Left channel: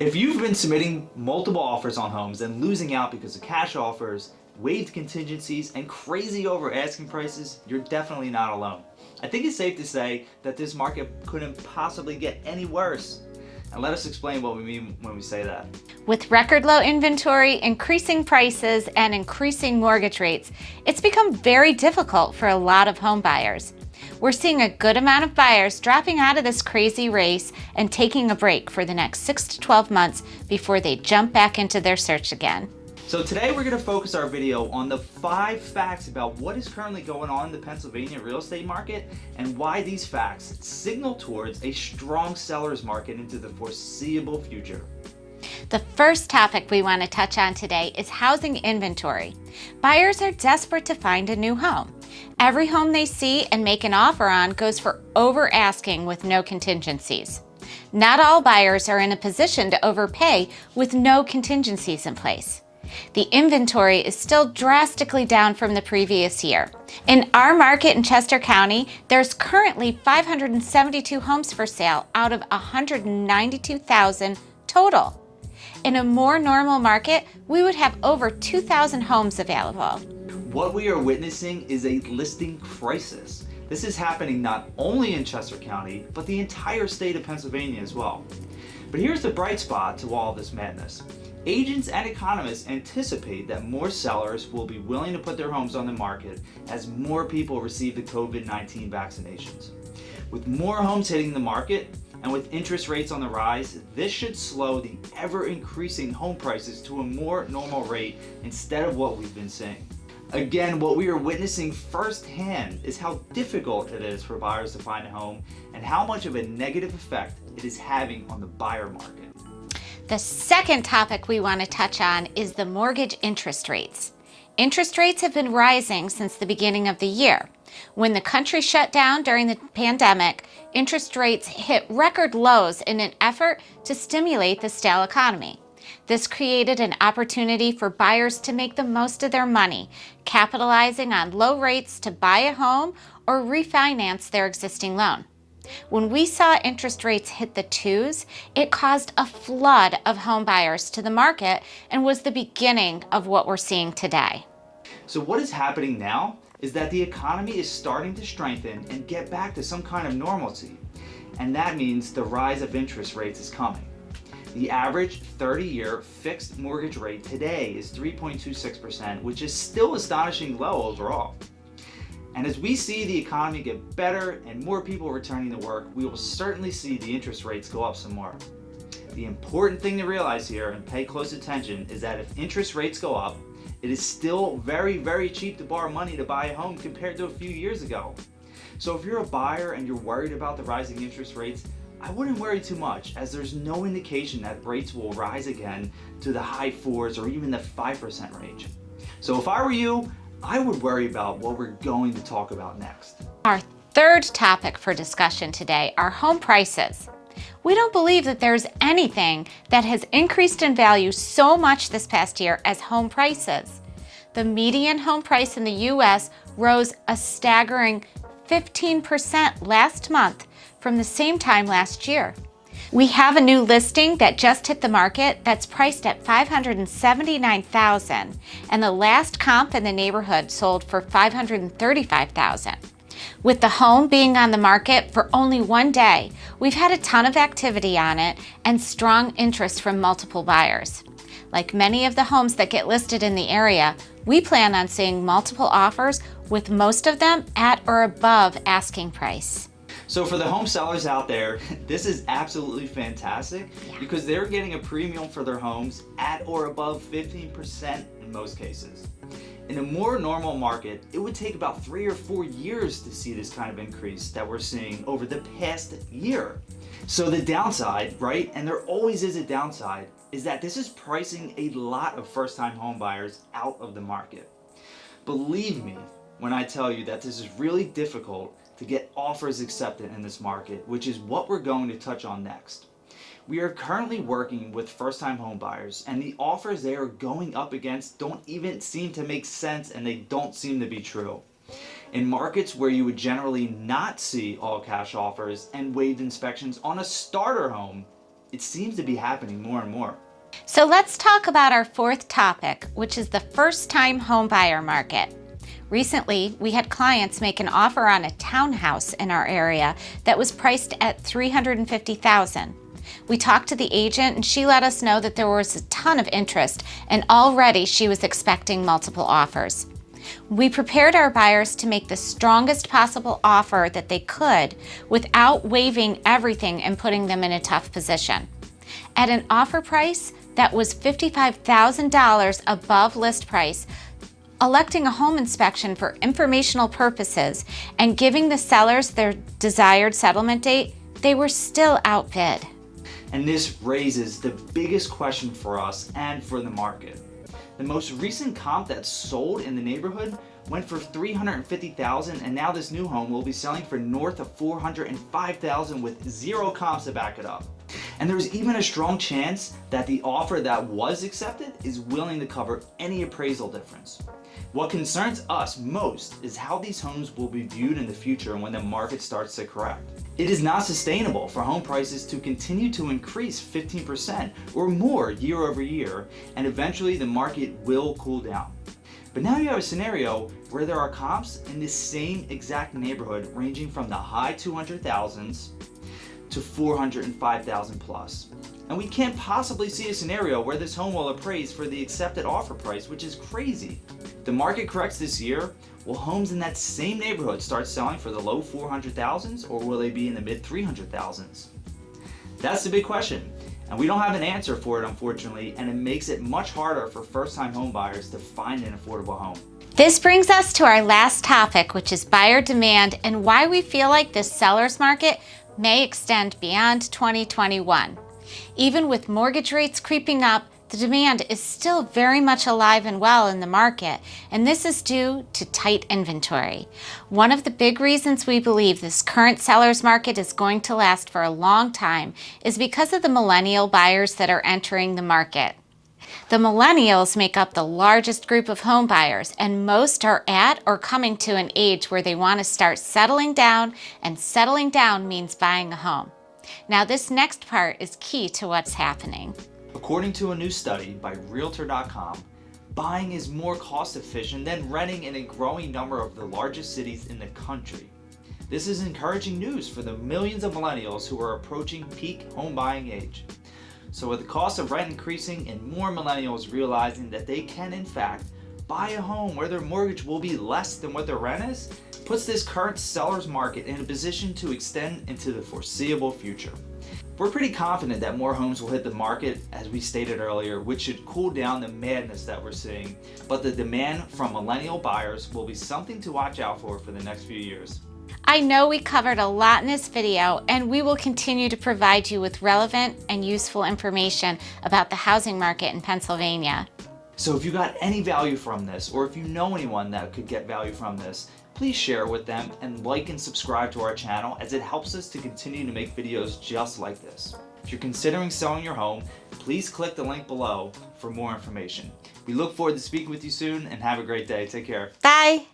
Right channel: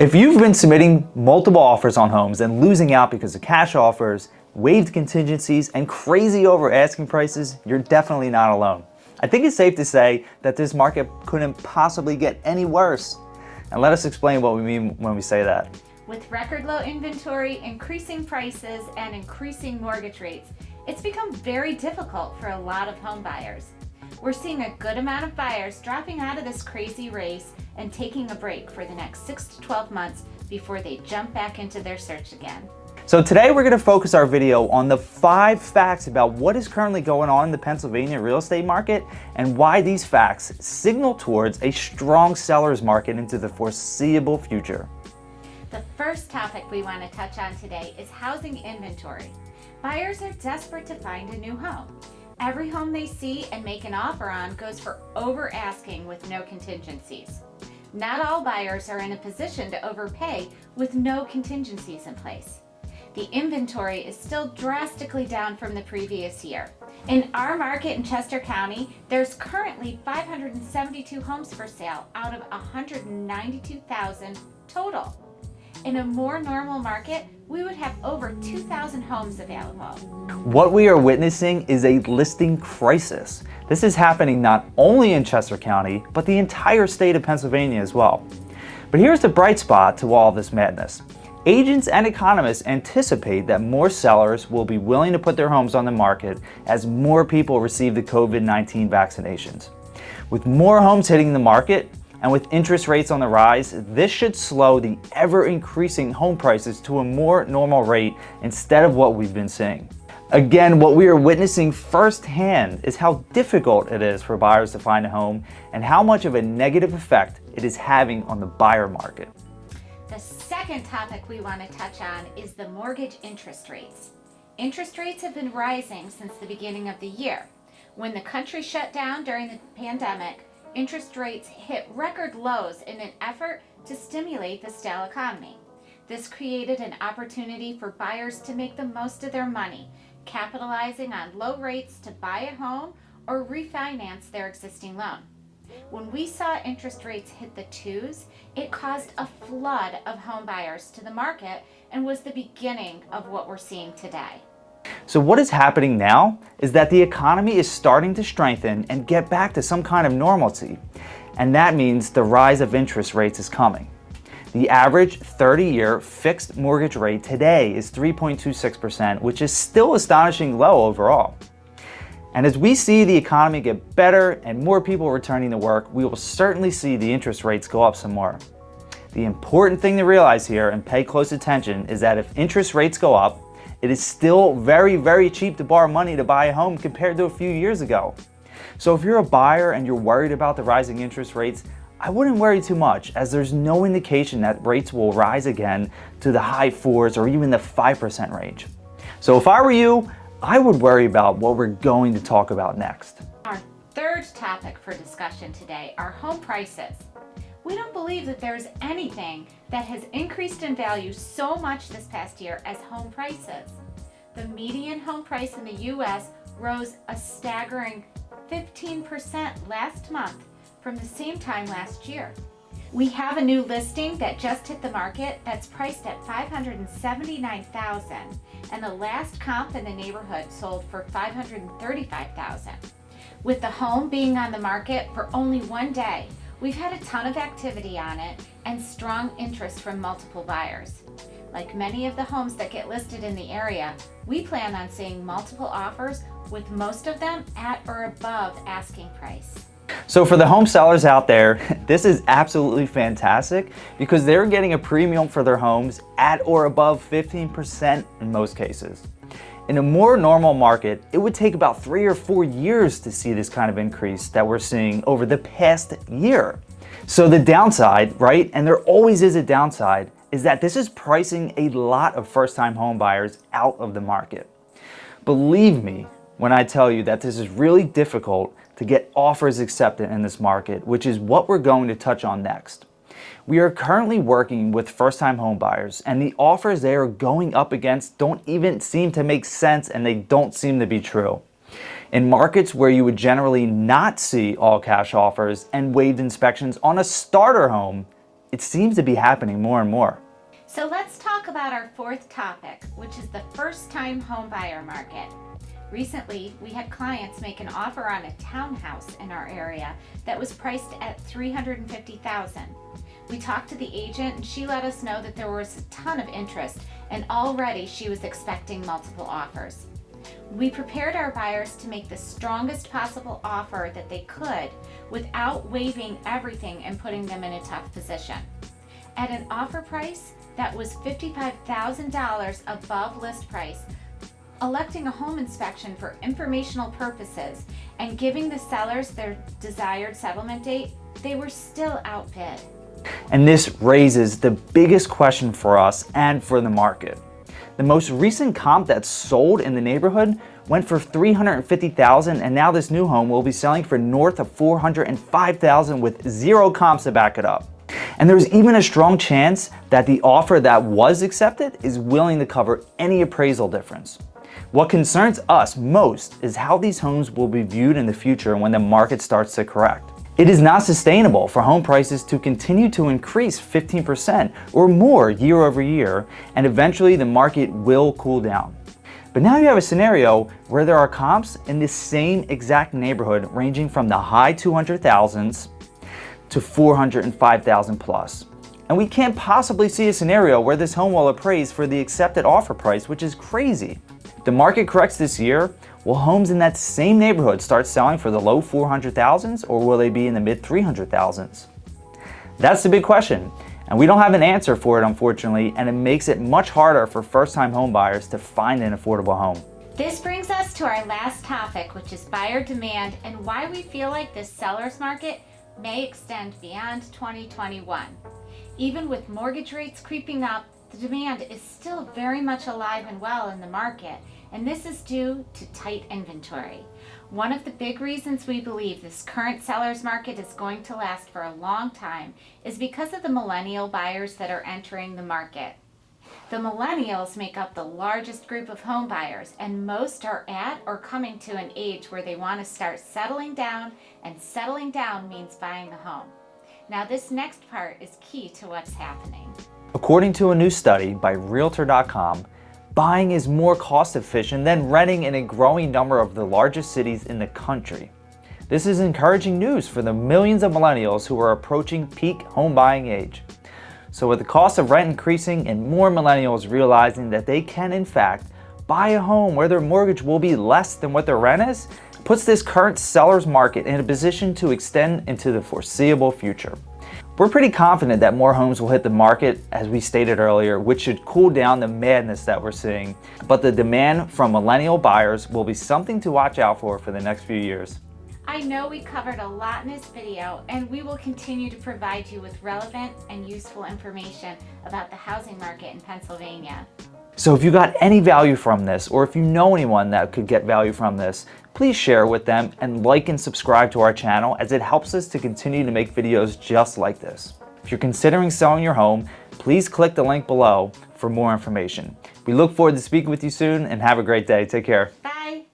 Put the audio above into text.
If you've been submitting multiple offers on homes and losing out because of cash offers, waived contingencies, and crazy over asking prices, you're definitely not alone. I think it's safe to say that this market couldn't possibly get any worse. And let us explain what we mean when we say that. With record low inventory, increasing prices, and increasing mortgage rates, it's become very difficult for a lot of home buyers. We're seeing a good amount of buyers dropping out of this crazy race and taking a break for the next 6 to 12 months before they jump back into their search again. So today we're going to focus our video on the 5 facts about what is currently going on in the Pennsylvania real estate market and why these facts signal towards a strong seller's market into the foreseeable future. The first topic we want to touch on today is housing inventory. Buyers are desperate to find a new home. Every home they see and make an offer on goes for over asking with no contingencies. Not all buyers are in a position to overpay with no contingencies in place. The inventory is still drastically down from the previous year. In our market in Chester County, there's currently 572 homes for sale out of 192,000 total. In a more normal market, we would have over 2,000 homes available. What we are witnessing is a listing crisis. This is happening not only in Chester County, but the entire state of Pennsylvania as well. But here's the bright spot to all this madness. Agents and economists anticipate that more sellers will be willing to put their homes on the market as more people receive the COVID-19 vaccinations. With more homes hitting the market, and with interest rates on the rise, this should slow the ever-increasing home prices to a more normal rate instead of what we've been seeing. Again, what we are witnessing firsthand is how difficult it is for buyers to find a home and how much of a negative effect it is having on the buyer market. The second topic we want to touch on is the mortgage interest rates. Interest rates have been rising since the beginning of the year. When the country shut down during the pandemic, interest rates hit record lows in an effort to stimulate the stale economy. This created an opportunity for buyers to make the most of their money, capitalizing on low rates to buy a home or refinance their existing loan. When we saw interest rates hit the 2s, it caused a flood of home buyers to the market and was the beginning of what we're seeing today. So what is happening now is that the economy is starting to strengthen and get back to some kind of normalcy. And that means the rise of interest rates is coming. The average 30-year fixed mortgage rate today is 3.26%, which is still astonishingly low overall. And as we see the economy get better and more people returning to work, we will certainly see the interest rates go up some more. The important thing to realize here and pay close attention is that if interest rates go up, it is still very, very cheap to borrow money to buy a home compared to a few years ago. So if you're a buyer and you're worried about the rising interest rates, I wouldn't worry too much, as there's no indication that rates will rise again to the high 4s or even the 5% range. So if I were you, I would worry about what we're going to talk about next. Our third topic for discussion today are home prices. We don't believe that there's anything that has increased in value so much this past year as home prices. The median home price in the U.S. rose a staggering 15% last month from the same time last year. We have a new listing that just hit the market that's priced at $579,000, and the last comp in the neighborhood sold for $535,000. With the home being on the market for only 1 day, we've had a ton of activity on it and strong interest from multiple buyers. Like many of the homes that get listed in the area, we plan on seeing multiple offers, with most of them at or above asking price. So for the home sellers out there, this is absolutely fantastic because they're getting a premium for their homes at or above 15% in most cases. In a more normal market, it would take about 3 or 4 years to see this kind of increase that we're seeing over the past year. So the downside, right, and there always is a downside, is that this is pricing a lot of first-time home buyers out of the market. Believe me when I tell you that this is really difficult to get offers accepted in this market, which is what we're going to touch on next. We are currently working with first-time home buyers, and the offers they are going up against don't even seem to make sense, and they don't seem to be true. In markets where you would generally not see all cash offers and waived inspections on a starter home, it seems to be happening more and more. So let's talk about our fourth topic, which is the first-time home buyer market. Recently, we had clients make an offer on a townhouse in our area that was priced at $350,000. We talked to the agent and she let us know that there was a ton of interest and already she was expecting multiple offers. We prepared our buyers to make the strongest possible offer that they could without waiving everything and putting them in a tough position. At an offer price that was $55,000 above list price, electing a home inspection for informational purposes and giving the sellers their desired settlement date, they were still outbid. And this raises the biggest question for us and for the market. The most recent comp that sold in the neighborhood went for $350,000, and now this new home will be selling for north of $405,000 with zero comps to back it up. And there's even a strong chance that the offer that was accepted is willing to cover any appraisal difference. What concerns us most is how these homes will be viewed in the future when the market starts to correct. It is not sustainable for home prices to continue to increase 15% or more year over year, and eventually the market will cool down. But now you have a scenario where there are comps in the same exact neighborhood ranging from the high 200,000s to 405,000 plus. And we can't possibly see a scenario where this home will appraise for the accepted offer price, which is crazy. The market corrects this year. Will homes in that same neighborhood start selling for the low 400,000s, or will they be in the mid 300,000s? That's the big question, and we don't have an answer for it, unfortunately, and it makes it much harder for first-time home buyers to find an affordable home. This brings us to our last topic, which is buyer demand and why we feel like this seller's market may extend beyond 2021. Even with mortgage rates creeping up, the demand is still very much alive and well in the market, and this is due to tight inventory. One of the big reasons we believe this current seller's market is going to last for a long time is because of the millennial buyers that are entering the market. The millennials make up the largest group of home buyers, and most are at or coming to an age where they want to start settling down, and settling down means buying a home. Now, this next part is key to what's happening. According to a new study by Realtor.com, buying is more cost efficient than renting in a growing number of the largest cities in the country. This is encouraging news for the millions of millennials who are approaching peak home buying age. So with the cost of rent increasing and more millennials realizing that they can in fact buy a home where their mortgage will be less than what their rent is, puts this current seller's market in a position to extend into the foreseeable future. We're pretty confident that more homes will hit the market, as we stated earlier, which should cool down the madness that we're seeing. But the demand from millennial buyers will be something to watch out for the next few years. I know we covered a lot in this video, and we will continue to provide you with relevant and useful information about the housing market in Pennsylvania. So if you got any value from this, or if you know anyone that could get value from this, please share with them and like and subscribe to our channel, as it helps us to continue to make videos just like this. If you're considering selling your home, please click the link below for more information. We look forward to speaking with you soon, and have a great day. Take care. Bye.